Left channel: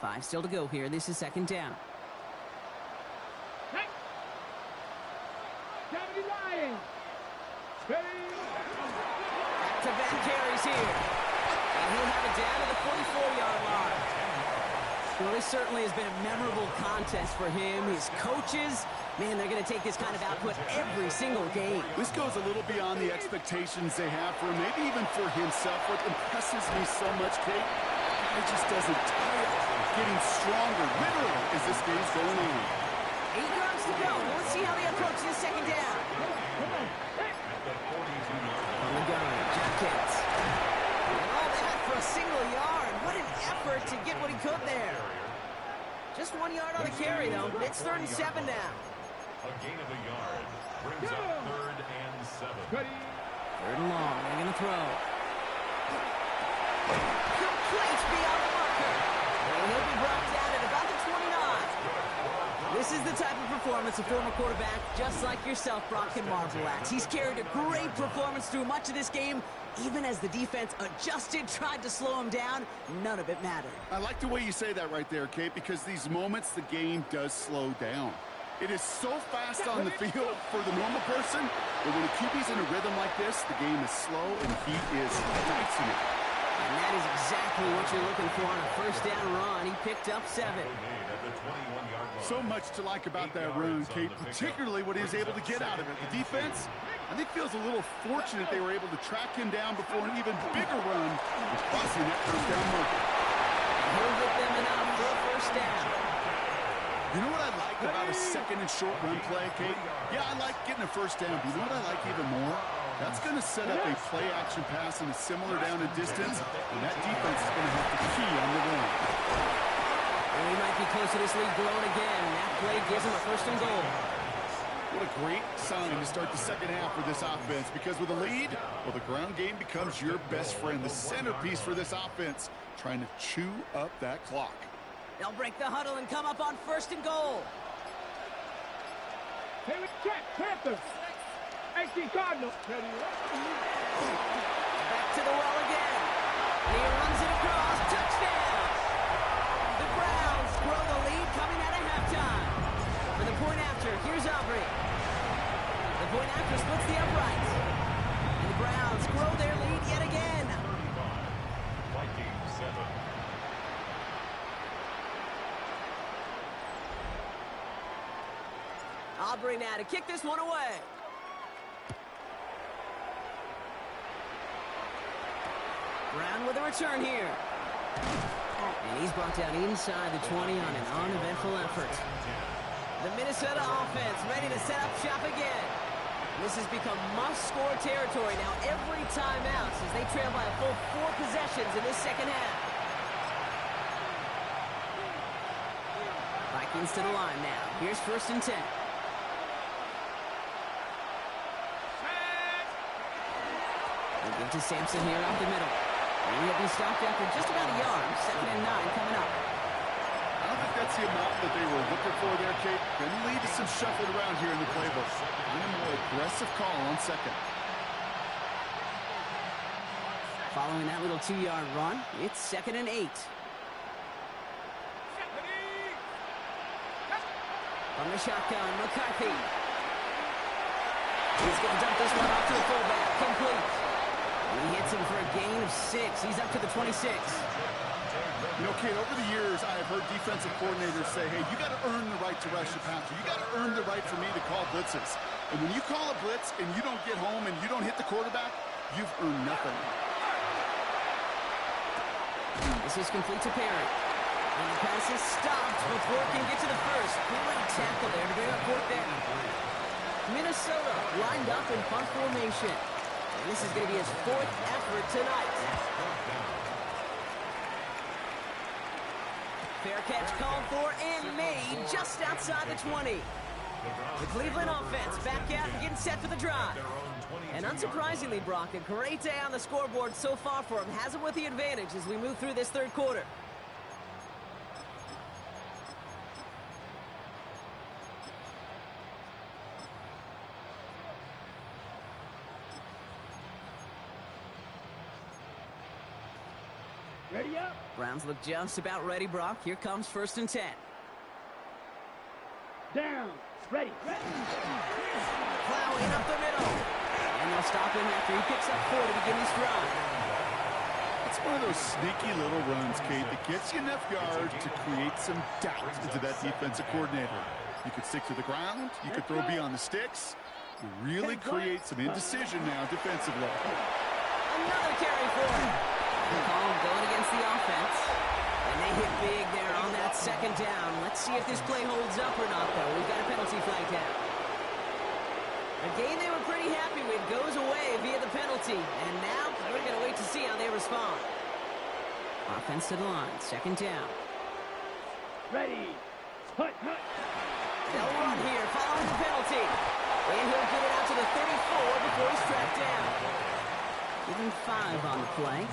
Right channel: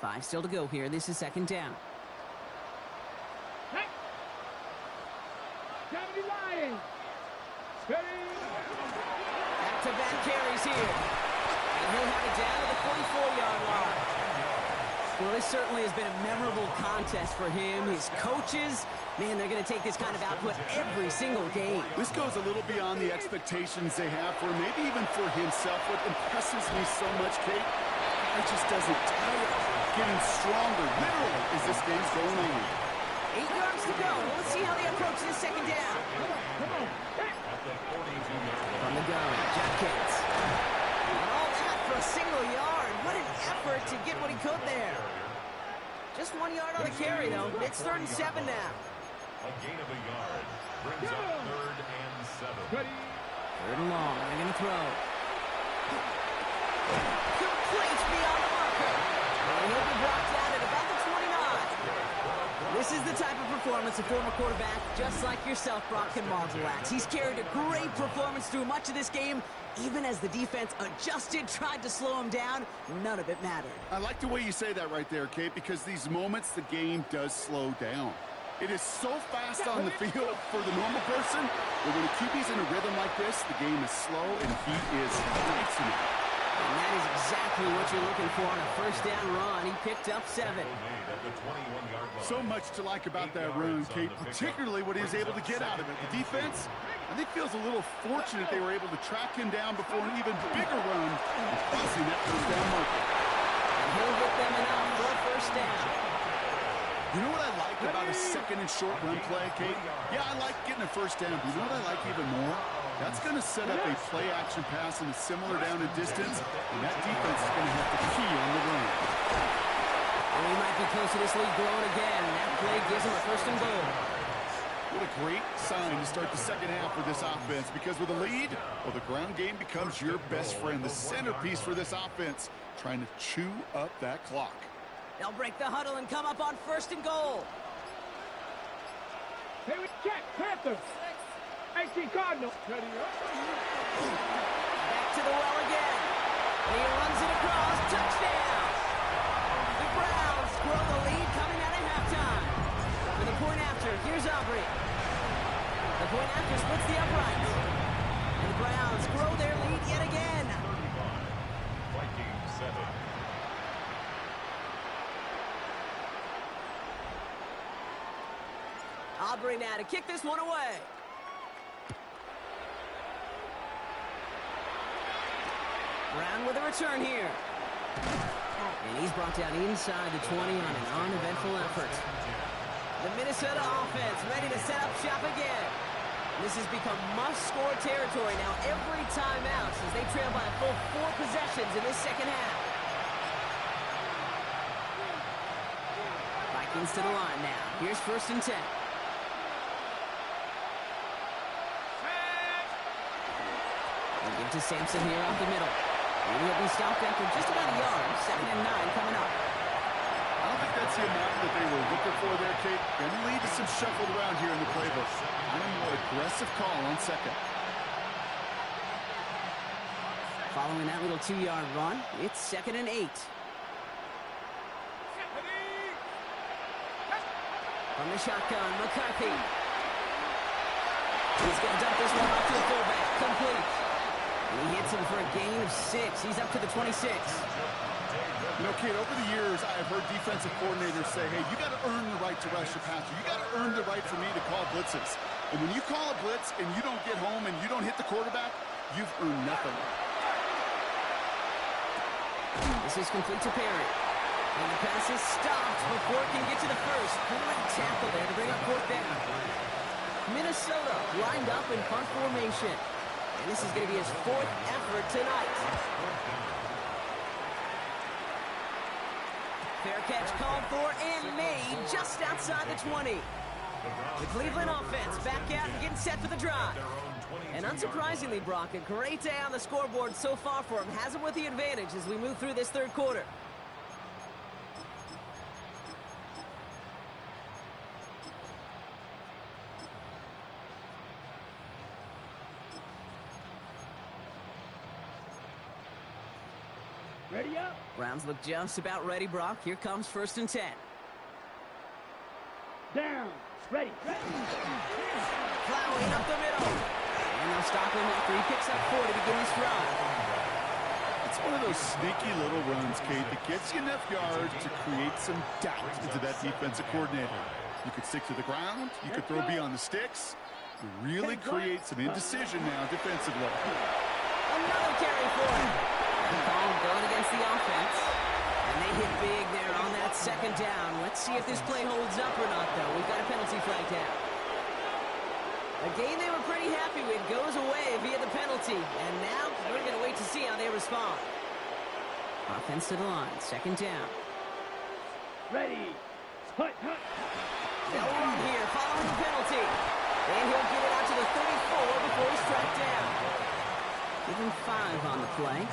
5 still to go here. This is second down. Back-to-back carries here. And he'll have it down to the 44-yard line. Well, this certainly has been a memorable contest for him. His coaches, man, they're going to take this kind of output every single game. This goes a little beyond the expectations they have for him, maybe even for himself. What impresses me so much, Kate, he just doesn't tire, getting stronger, literally, as this game's going on. 8 yards to go. Well, let's see how they approach this second down. From the gun, Jenkins. And all that for a single yard. What an effort to get what he could there. Just 1 yard on the carry, though. It's 3rd and 7 now. A gain of a yard brings up 3rd and 7. 3rd and long. They're going to throw. Complete beyond the marker. And he'll be brought down at about the 29. This is the type of performance a former quarterback, just like yourself, Brock, can marvel at. He's carried a great performance through much of this game. Even as the defense adjusted, tried to slow him down, none of it mattered. I like the way you say that right there, Kate, because these moments the game does slow down. It is so fast on the field for the normal person, but when a QB's in a rhythm like this, the game is slow and he is dicing it. And that is exactly what you're looking for on a first down run. He picked up 7. So much to like about that run, Kate, particularly what he was able to get out of it. The defense, I think, feels a little fortunate they were able to track him down before an even bigger run and crossing that first down marker. And he'll get them enough for a first down. You know what I like about a second and short run play, Kate? Yeah, I like getting a first down, but you know what I like even more? That's going to set up a play-action pass in a similar down and distance, and that defense is going to have to key on the run. And we might be close to this lead growing again, and that play gives him a 1st and goal. What a great sign to start the second half for this offense, because with a lead, well, the ground game becomes your best friend, the centerpiece for this offense, trying to chew up that clock. They'll break the huddle and come up on 1st and goal. Here we check, Panthers. 18 Cardinals. Back to the well again. And he runs it across. Touchdown. The Browns grow the lead coming out of halftime. For the point after, here's Aubrey. The point after splits the uprights. And the Browns grow their lead yet again. 35. Vikings 7. Aubrey now to kick this one away. Brown with a return here. And he's brought down inside the 20 on an uneventful effort. The Minnesota offense ready to set up shop again. This has become must-score territory now every time out since they trail by a full 4 possessions in this second half. Vikings to the line now. Here's 1st and 10. They'll give to Sampson here out the middle. And he'll be stopped after just about a yard. 2nd and 9 coming up. I don't think that's the amount that they were looking for there, Kate. Going to lead to some shuffled around here in the playbook. And a more aggressive call on 2nd. Following that little 2-yard run, it's 2nd and 8. From the shotgun, McCarthy. He's going to dump this one off to the fullback. Complete. And he hits him for a gain of 6. He's up to the 26. You know, Kate, over the years, I have heard defensive coordinators say, hey, you got to earn the right to rush the passer. You got to earn the right for me to call blitzes. And when you call a blitz and you don't get home and you don't hit the quarterback, you've earned nothing. This is complete to Perry. And the pass is stopped before it can get to the first. Great tackle there to bring up 4th down. Minnesota lined up in punt formation. And this is going to be his 4th effort tonight. Fair catch called for and made just outside the 20. The Cleveland offense back out and getting set for the drive. And unsurprisingly, Brock, a great day on the scoreboard so far for him. Has him with the advantage as we move through this 3rd quarter. Ready up. Browns look just about ready, Brock. Here comes 1st and 10. Down. Ready. Plowing up the middle. And they'll stop him after he picks up 4 to begin this drive. It's one of those sneaky little runs, Kate, that gets you enough yards to create some doubt into that defensive coordinator. You could stick to the ground. You could throw beyond the sticks. You really create some indecision now defensively. Another carry for him. The call going against the offense. And they hit big there on that 2nd down. Let's see if this play holds up or not, though. We've got a penalty flag down. A game they were pretty happy with goes away via the penalty. And now we're going to wait to see how they respond. Offense to the line. 2nd down. Ready. Hut. They'll run here following the penalty. And he'll get it out to the 34 before he's tracked down. Give him 5 on the play.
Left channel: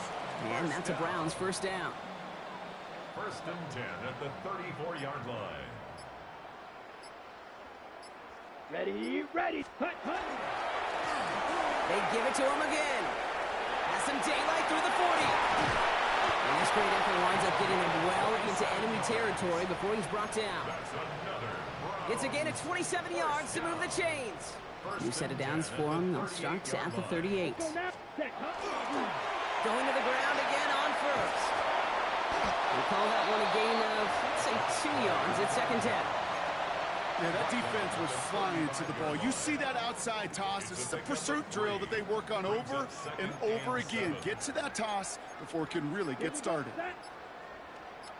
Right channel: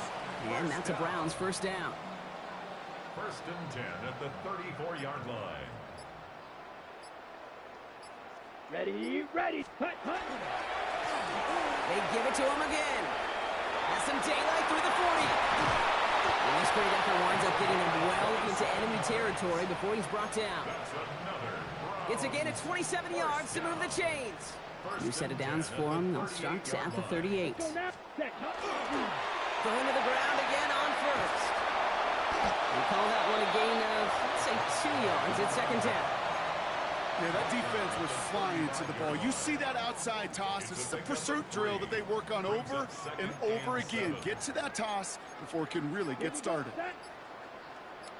And that's a Browns 1st down. 1st and 10 at the 34-yard line. Ready. Hut. They give it to him again. Has some daylight through the 40. And this great effort winds up getting him well into enemy territory before he's brought down. That's another Browns. It's a gain of 27 yards to move the chains. New set of downs for him. They'll start at the 38. Go now. Set. Going to the ground again on 1st. We call that one a gain of, let's say, 2 yards at 2nd down. Yeah, that defense was flying to the ball. You see that outside toss. This is a pursuit drill that they work on over and over again. Get to that toss before it can really get started.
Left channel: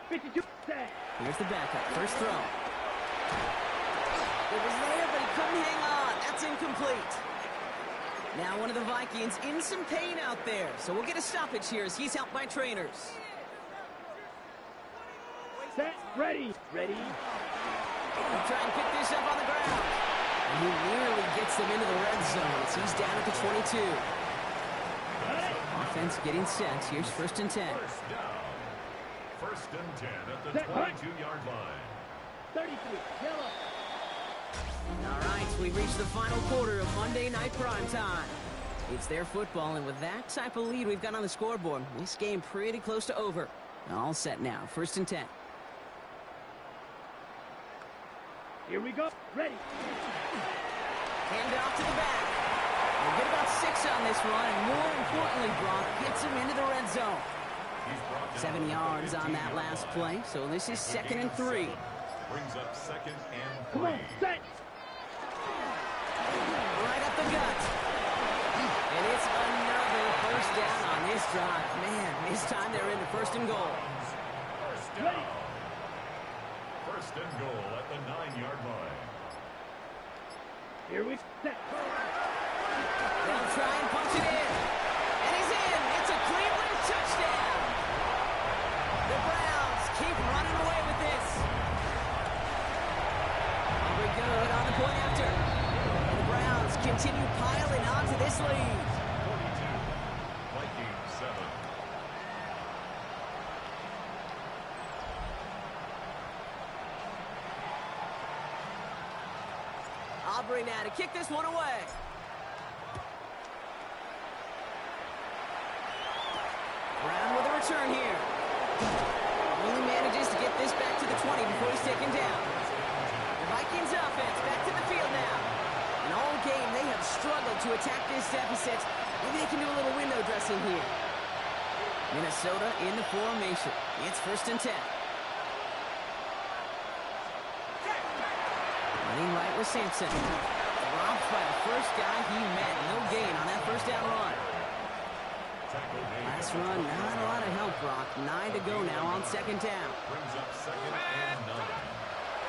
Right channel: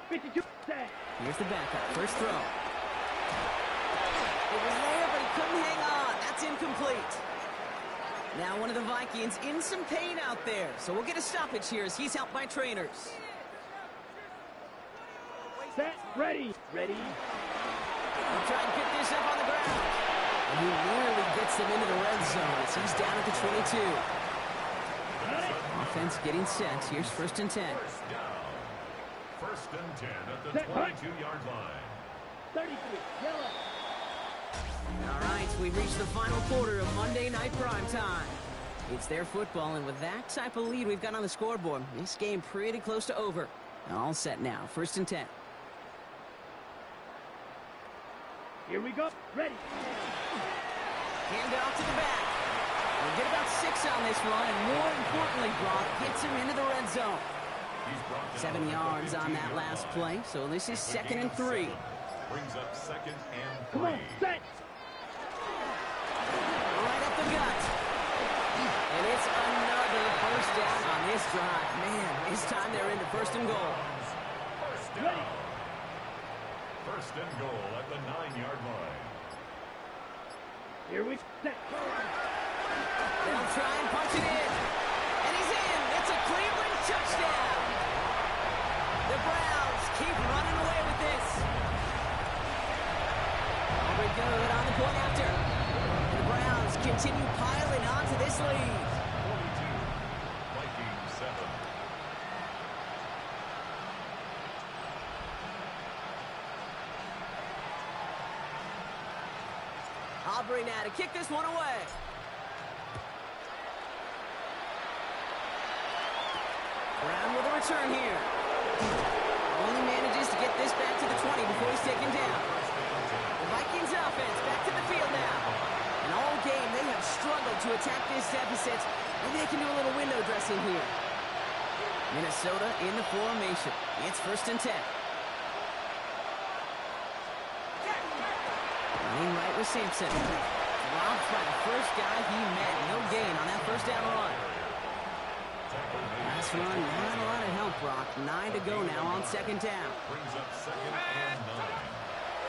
52. Set. Here's the backup. 1st throw. It was there, but he couldn't hang on. That's incomplete. Now one of the Vikings in some pain out there. So we'll get a stoppage here as he's helped by trainers. Set. Ready. He'll try and pick this up on the ground. And he nearly gets them into the red zone as he's down at the 22. Offense getting set. Here's 1st and 10. 1st down. 1st and 10 at the 22-yard line. 33. Yellow. All right, we've reached the final quarter of Monday Night Primetime. It's their football, and with that type of lead we've got on the scoreboard, this game pretty close to over. All set now. 1st and 10. Here we go. Ready. Hand off to the back. We'll get about 6 on this run, and more importantly, Brock gets him into the red zone. 7 yards on that last play, so this is 2nd and 3. Brings up 2nd and 3. Come on. Set. Right up the gut. And it's another 1st down on this drive. Man, this time they're into 1st and goal. 1st down. 1st and goal at the 9-yard line. Here we set. They'll try and punch it in. And he's in. It's a Cleveland touchdown. The Browns keep running away with this. Aubrey good on the point after. And the Browns continue piling on to this lead. 42. Vikings 7. Aubrey now to kick this one away. Brown with a return here. Only manages to get this back to the 20 before he's taken down. The Vikings offense back to the field now. And all game they have struggled to attack this deficit. Maybe they can do a little window dressing here. Minnesota in the formation. It's 1st and 10. Running right with Sampson. Dropped by the first guy he met. No gain on that 1st down run. Last run, not a lot of help, Brock. 9 to go now on 2nd down. Brings up 2nd and 9.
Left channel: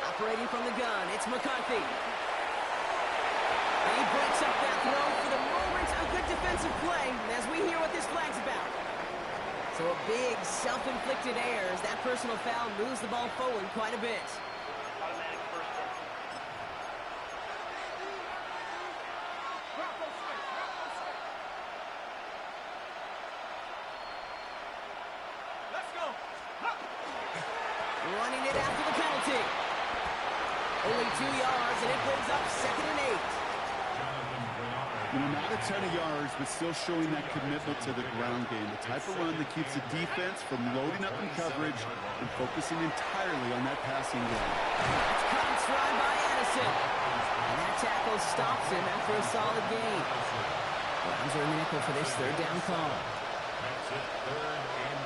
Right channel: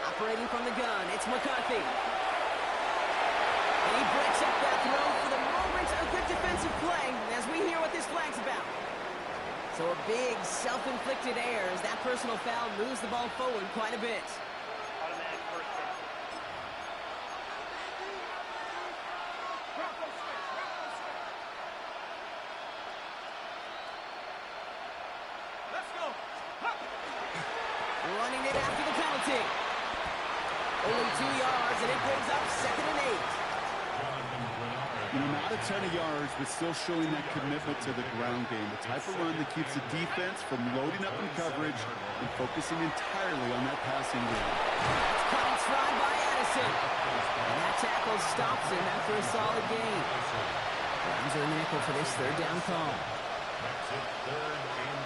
Operating from the gun, it's McCarthy. And he breaks up that throw for the moment. A good defensive play as we hear what this flag's about. So a big self-inflicted error as that personal foul moves the ball forward quite a bit. Automatic 1st down. Let's go. Running it after the penalty. Only 2 yards, and it brings up 2nd and 8. Jonathan Bernard You know, not a ton of yards, but still showing that commitment to the ground game. The type of run that keeps the defense from loading up in coverage and focusing entirely on that passing game. That's caught in stride by Addison. And that tackle stops him after a solid gain. Browns are in the nickel for this third down call. Makes it 3rd and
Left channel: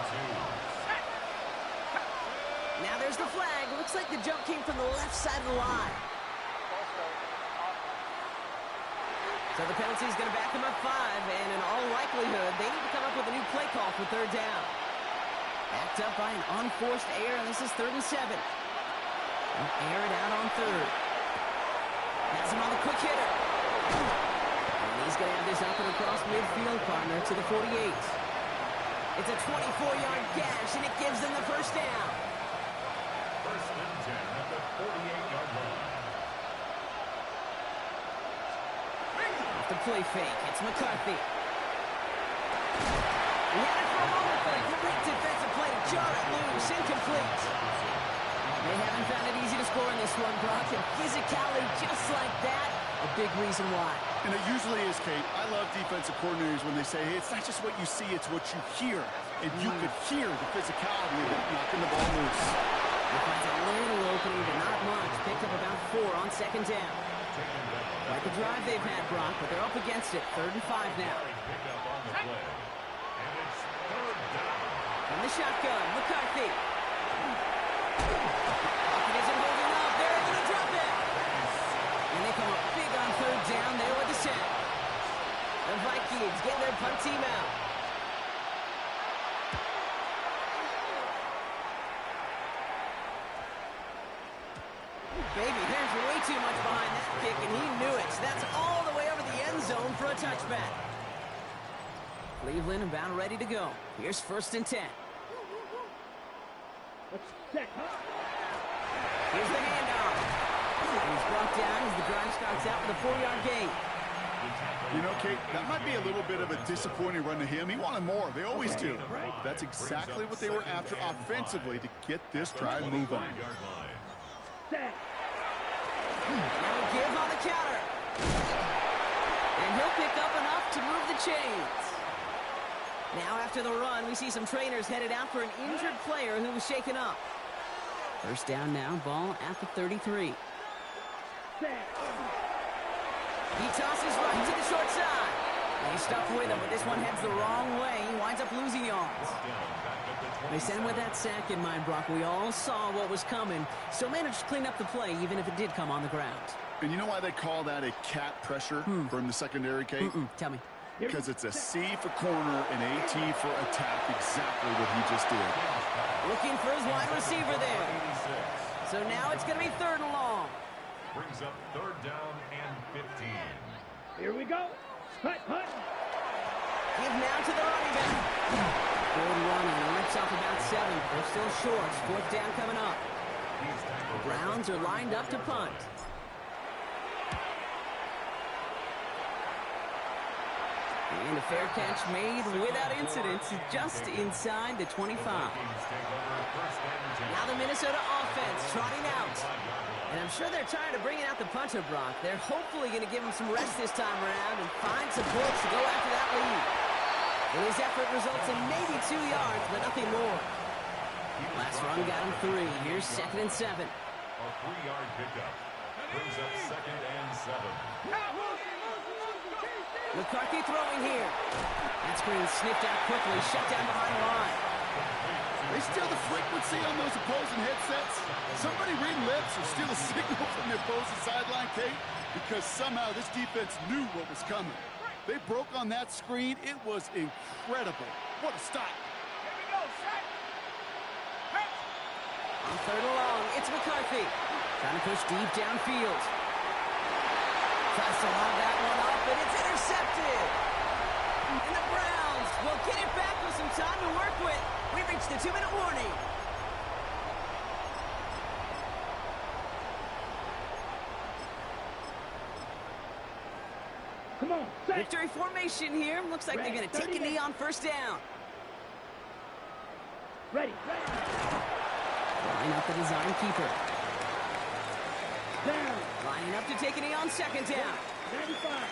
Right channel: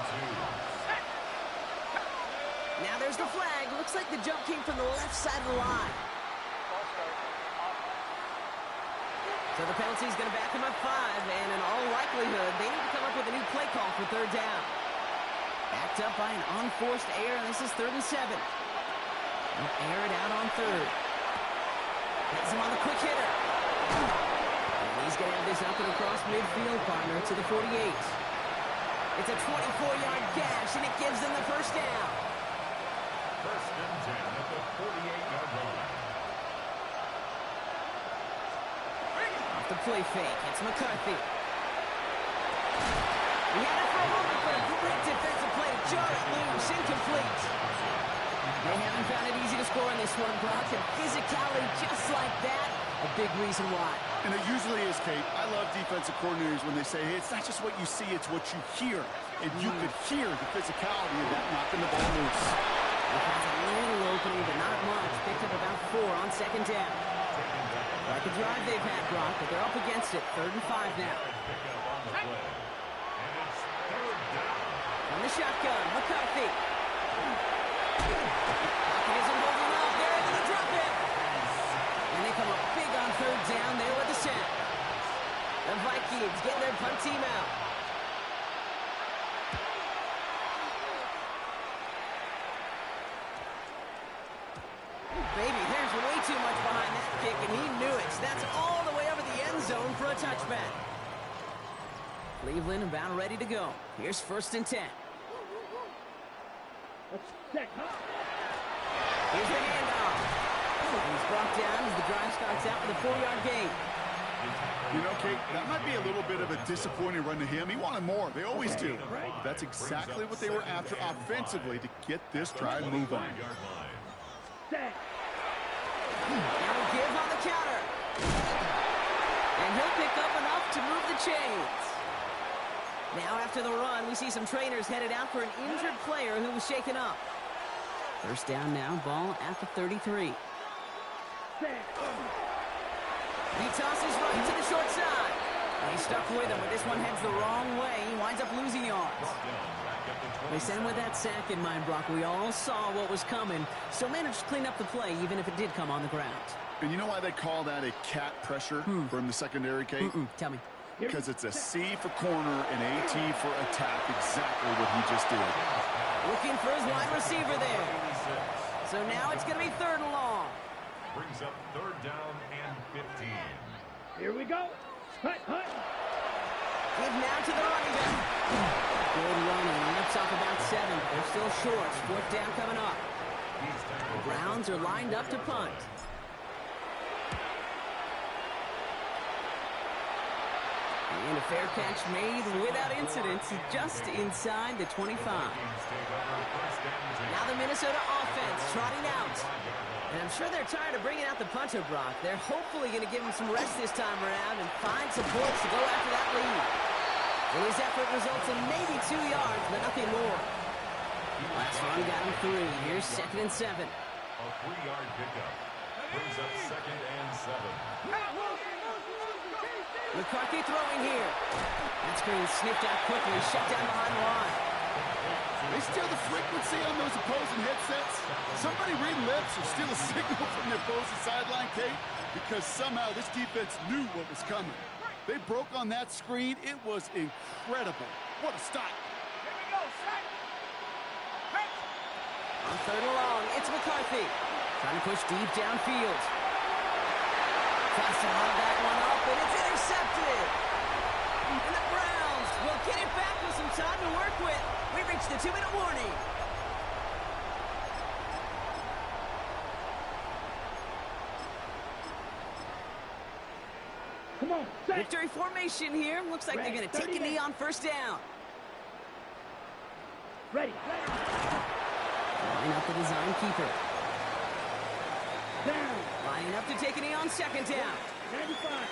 2. Now there's the flag. Looks like the jump came from the left side of the line. So the penalty is going to back him up 5, and in all likelihood, they need to come up with a new play call for third down. Backed up by an unforced error, and this is 3rd and 7. They'll air it out on 3rd. Has him on the quick hitter. And he's going to have this up and across midfield, partner, to the 48. It's a 24-yard gash, and it gives them the first down. 1st and 10 at the 48-yard line. Off the play fake, it's McCarthy. He had it for a moment, but a great defensive play to jar it loose, incomplete. They haven't found it easy to score in this one, Brock, and physicality just like that, a big reason why. And it usually is, Kate. I love defensive coordinators when they say, hey, it's not just what you see, it's what you hear. And you could hear the physicality of that knocking the ball loose. He finds a little opening, but not much. Picked up about 4 on 2nd down. Like the drive they've had, Brock, but they're up against it. 3rd and 5 now. Pick up on the play. And it's 3rd down. From the shotgun, McCarthy. Pocket isn't holding up. They're able to drop it. And they come up big on 3rd down there with the sack. The Vikings get their punt team out. Baby, there's way too much behind that kick, and he knew it. So that's all the way over the end zone for a touchback. Cleveland about ready to go. Here's 1st and 10. Here's the handoff. And he's brought down as the drive starts out with a 4-yard gain. You know, Kate, that might be a little bit of a disappointing run to him. He wanted more. They always do. But that's exactly what they were after offensively to get this drive moving. Now a give on the counter. And he'll pick up enough to move the chains. Now after the run, we see some trainers headed out for an injured player who was shaken up. 1st down now, ball at the 33. He tosses right to the short side. And he's stuck with him, but this one heads the wrong way. He winds up losing yards. They sent him with that sack in mind, Brock. We all saw what was coming, so managed to clean up the play, even if it did come on the ground. And you know why they call that a cat pressure from the secondary, Kate? Tell me. Because it's a C for corner and AT for attack, exactly what he just did. Looking for his wide receiver there. So now it's going to be 3rd and long. Brings up 3rd down and 15. Here we go. Hut, hut. Give now to the running back. Good running. He lifts off about 7. They're still short. 4th down coming up. The Browns are lined up to punt. And a fair catch made without incident, just inside the 25. Now the Minnesota offense trotting out. And I'm sure they're tired of bringing out the punter, Brock. They're hopefully going to give him some rest this time around and find supports to go after that lead. And his effort results in maybe 2 yards, but nothing more. Last run got him 3. Here's 2nd and 7. A 3-yard pickup. Brings up 2nd and 7. McCarthy throwing here. That screen sniffed out quickly, shut down behind the line. They steal the frequency on those opposing headsets. Somebody read lips or steal a signal from the opposing sideline, Kate, because somehow this defense knew what was coming. They broke on that screen. It was incredible. What a stop. Here we go, set. On 3rd and long, it's McCarthy. Trying to push deep downfield. Tries to lob that one up, and it's intercepted. And the Browns will get it back with some time to work with. We've reached the 2-minute warning. Come on, set. Victory formation here. Looks like they're going to take a knee on 1st down. Ready. Line up the design keeper. Down. Lining up to take a knee on 2nd down. 95.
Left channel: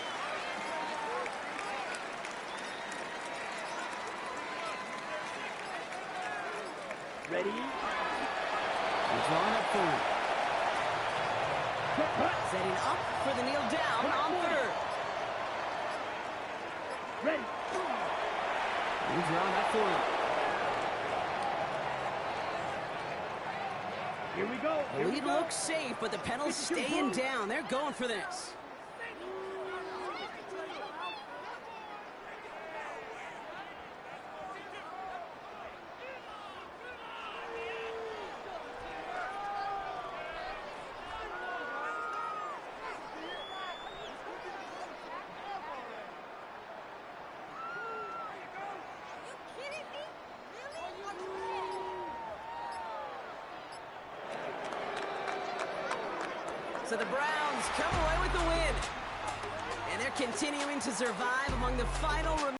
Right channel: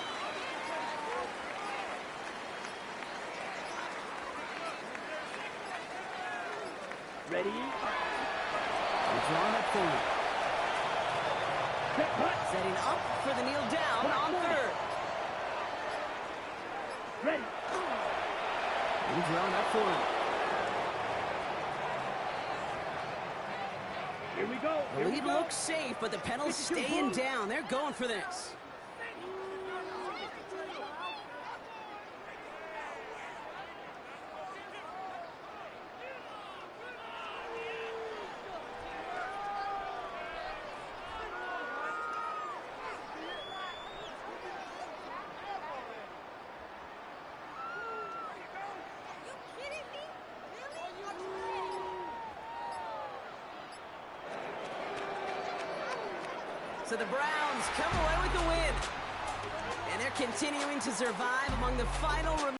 Ready? They're drawing up for him. Setting up for the kneel down on third. Ready? They're drawing up for him. Here we go. The lead looks safe, but the penalty's staying down. They're going for this. So the Browns come away with the win. And they're continuing to survive among the final